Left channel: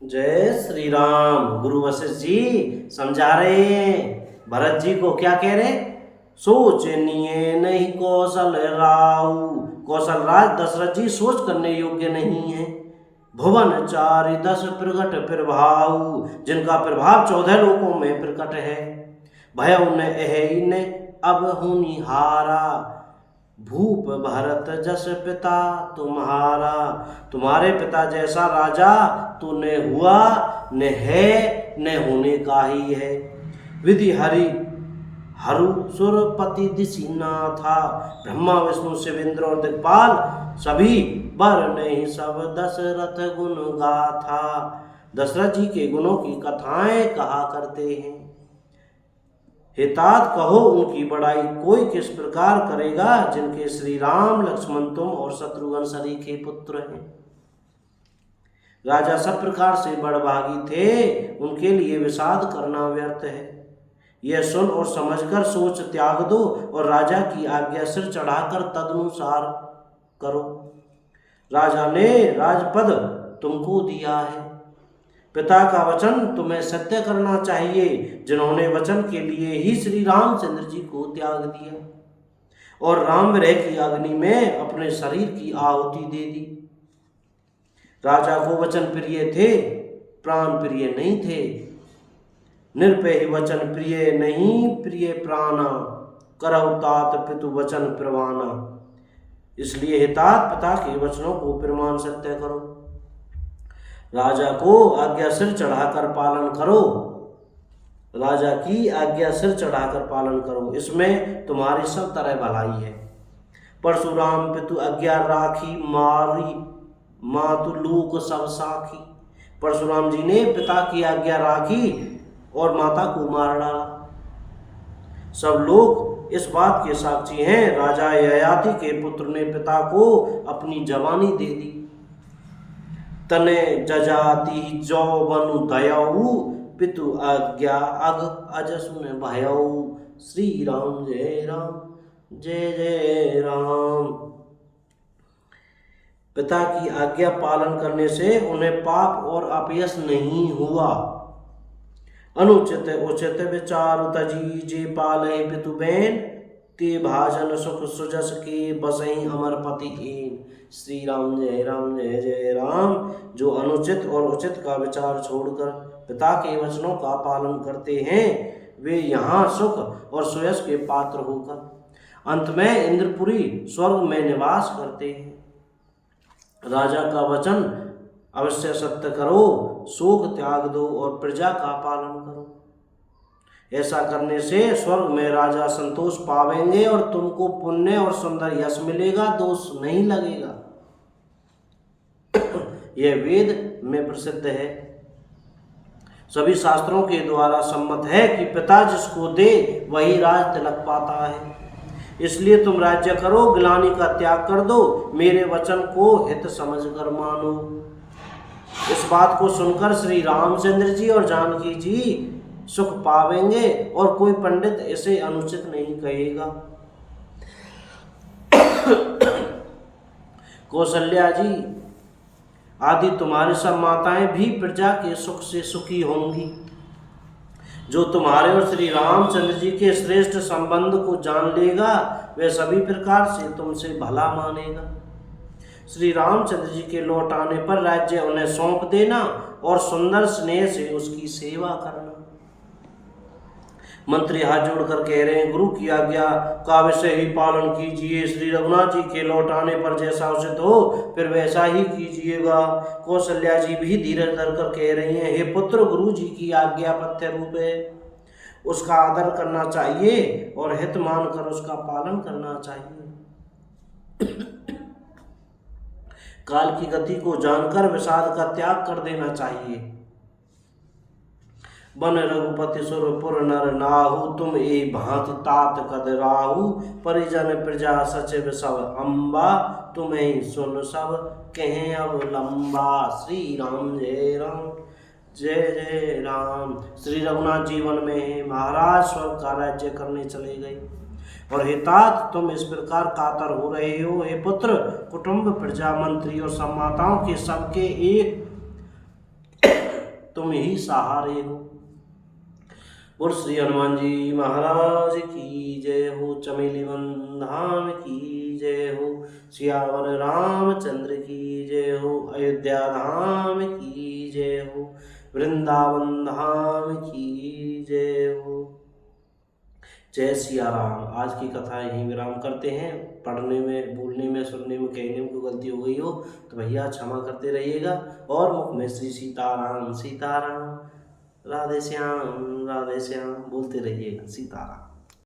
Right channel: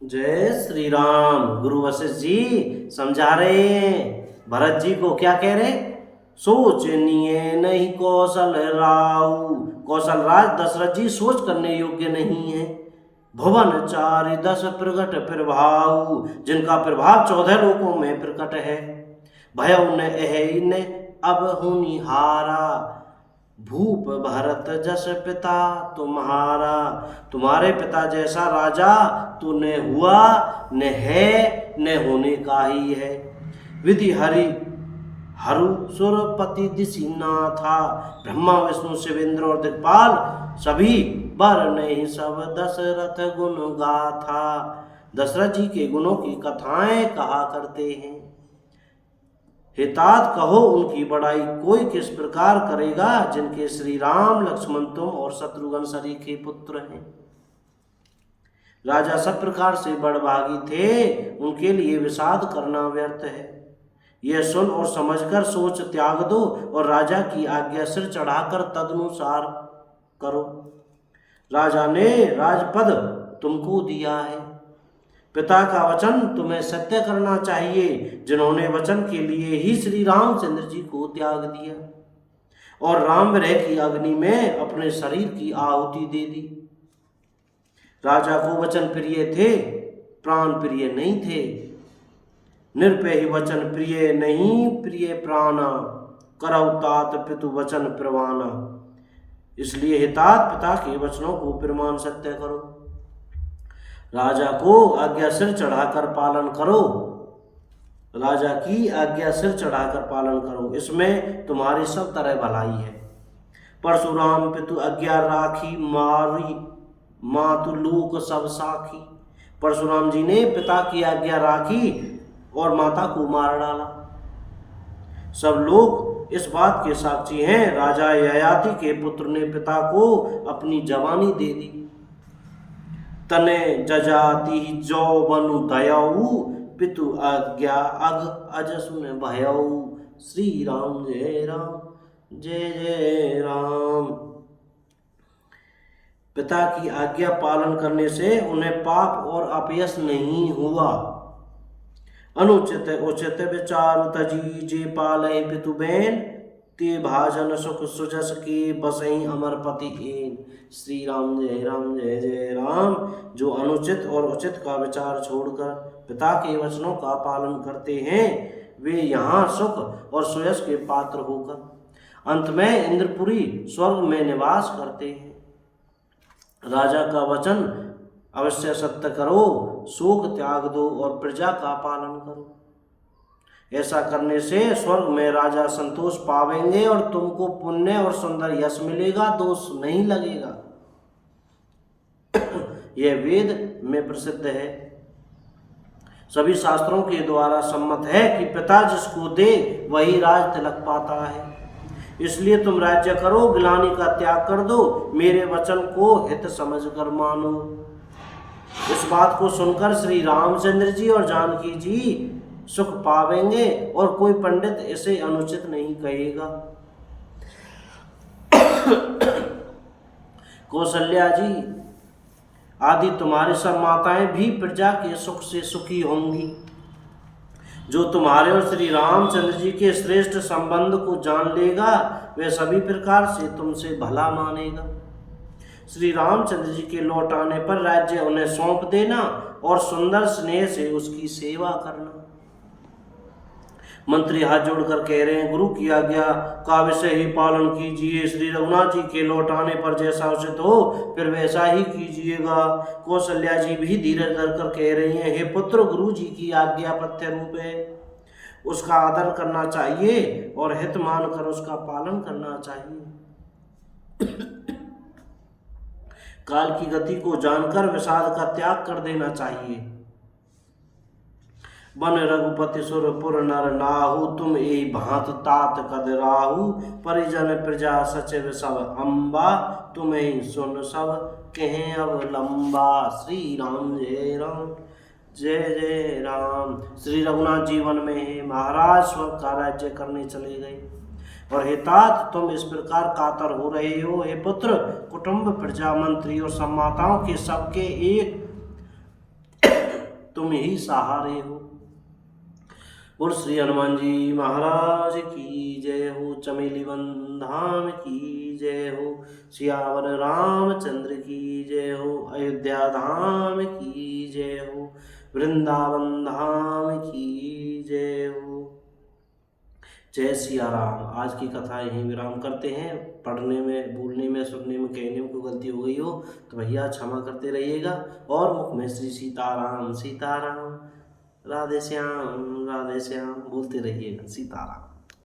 जय श्री राम। गुरु वशिष्ठ जी समझा रहे हैं भरत जी को। क्या कह रहे? सोचनीय नहीं कौशल राऊ। कौशल राज दशरथ जी सोच करने योग्य नहीं है। भुवन चारि दस प्रगट प्रभाऊ, जिनका प्रभाव 14 लोकों में प्रकट है। भयउ न एहि न अब होनिहारा, भूप भरत जस पिता तुम्हारा। तुम्हारे पिता जैसा राजा तो न हुआ, न है, न होने का ही है। विधि हरि हरु सुरपति दिशिना था। ब्रह्मा विष्णु शिव इंद्र और दिक्पाल सभी बर नहीं सब दशरथ गुण गाथा। दशरथ जी के गुणों की कथाएं कहा करते हैं। हितात कहो उनकी बड़ाई कोई किस प्रकार करेगा, जिनके श्री राम लक्ष्मण तुम और शत्रुघ्न सरीखे पुत्र हैं। राजा सब प्रकार से बड़भागी थे, उनके लिए विषाद करना व्यर्थ है। यह सुन और समझकर सोच त्याग दो और राजा की आज्ञा सिर चढ़ाकर तदनुसार करो। राजा ने राजपद तुमको दिया है, पिता का वचन तुम्हें सत्य करना चाहिए, जिन्होंने वचन के लिए ही श्री रामचंद्र जी को त्याग दिया और राम विरह की अग्नि में अपने शरीर की आहुति दे दी। राजा को वचन प्रिय थे, प्राण प्रिय नहीं थे। निरपय वचन प्रिय नहीं, प्रिय प्राणा, करहु तात पितु वचन प्रवाना। इसलिए हितात पिता के वचनों को प्रमाण सत्य करो। राजा को आज्ञा सिर चढ़ाकर पालन करो। राजा की आज्ञा सिर चढ़ाकर पालन करो, इसमें तुम्हारी सब तरह भलाई है। परशुराम पितु आज्ञा राखी, मारी मातु लोक सब साखी। परशुराम जी ने पिता की आज्ञा राखी और माता को मार डाला। सब लोग इस बात के साक्षी हैं। राजा ययाति के पुत्र ने पिता को अपनी जवानी दे दी। तने जजाति जो बनु दयाऊ, पितु आज्ञा अग अजसुन भयऊ। श्री राम जय राम, जय जय राम। पिता की आज्ञा पालन करने से उन्हें पाप और अपयश नहीं हुआ। अनुचित उचित विचार तजी, जे पाले पितु बैन, ते भाजन सुख सुजस के बसई अमर पति एन। श्री राम जय राम, जय जय राम। जो अनुचित और उचित का विचार छोड़कर पिता के वचनों का पालन करते हैं, वे यहाँ सुख और सुयश के पात्र होकर अंत में इंद्रपुरी स्वर्ग में निवास करते हैं। राजा का वचन अवश्य सत्य करो, शोक त्याग दो और प्रजा का पालन करो। ऐसा करने से स्वर्ग में राजा संतोष पावेंगे और तुमको पुण्य और सुंदर यश मिलेगा, दोष नहीं लगेगा। यह वेद में प्रसिद्ध है। सभी शास्त्रों के द्वारा सम्मत है कि पिता जिसको दे वही राज तिलक पाता है। इसलिए तुम राज्य करो, गिलानी का त्याग कर दो, मेरे वचन को हित समझकर मानो। इस बात को सुनकर श्री रामचंद्र जी और जानकी जी सुख पावेंगे और कोई पंडित इसे अनुचित नहीं कहेगा। कौशल्या जी आदि तुम्हारी सब माताएं भी प्रजा के सुख से सुखी होंगी। जो तुम्हारे और श्री रामचंद्र जी के श्रेष्ठ संबंध को जान लेगा, वह सभी प्रकार से तुमसे भला मानेगा। श्री रामचंद्र जी के लौट आने पर राज्य उन्हें सौंप देना और सुंदर स्नेह से उसकी सेवा करना। मंत्री हाथ जोड़कर कह रहे हैं, गुरु की आज्ञा का अवश्य ही पालन कीजिए। श्री रघुनाथ जी के लौट आने पर जैसा उचित हो फिर वैसा ही कीजिएगा। कौशल्या जी भी धीरज धरकर कह रही हैं, हे पुत्र, गुरु जी की आज्ञा पथ्य रूप है, उसका आदर करना चाहिए और हित मानकर उसका पालन करना चाहिए। काल की गति को जानकर विषाद का त्याग कर देना चाहिए। बन रघुपति सुरपुर नर नाहु, तुम ए भांति तात कद राहु। परिजन प्रजा सचिव सब अम्बा, तुम्हें सुन सब कहें अब लंबा। श्री राम जय राम, जय जय राम। श्री रघुनाथ जीवन में महाराज स्वर्ग का राज्य करने चले गए और हे तात, तुम इस प्रकार कातर हो रहे हो। हे पुत्र, कुटुंब प्रजा मंत्री और सम्माताओं के सबके एक तुम ही सहारे हो। बोल श्री हनुमान जी महाराज की जय हो। चमेली वन धाम की जय हो। सियावर रामचंद्र की जय हो। अयोध्या धाम की जय हो। वृंदावन धाम की जय हो। जय सिया राम। आज की कथा यहीं विराम करते हैं। पढ़ने में, बोलने में, सुनने में, कहने में कोई गलती हो गई हो तो भैया क्षमा करते रहिएगा। और मुख में श्री सीताराम सीताराम, राधे श्याम बोलते रहिएगा। सीताराम।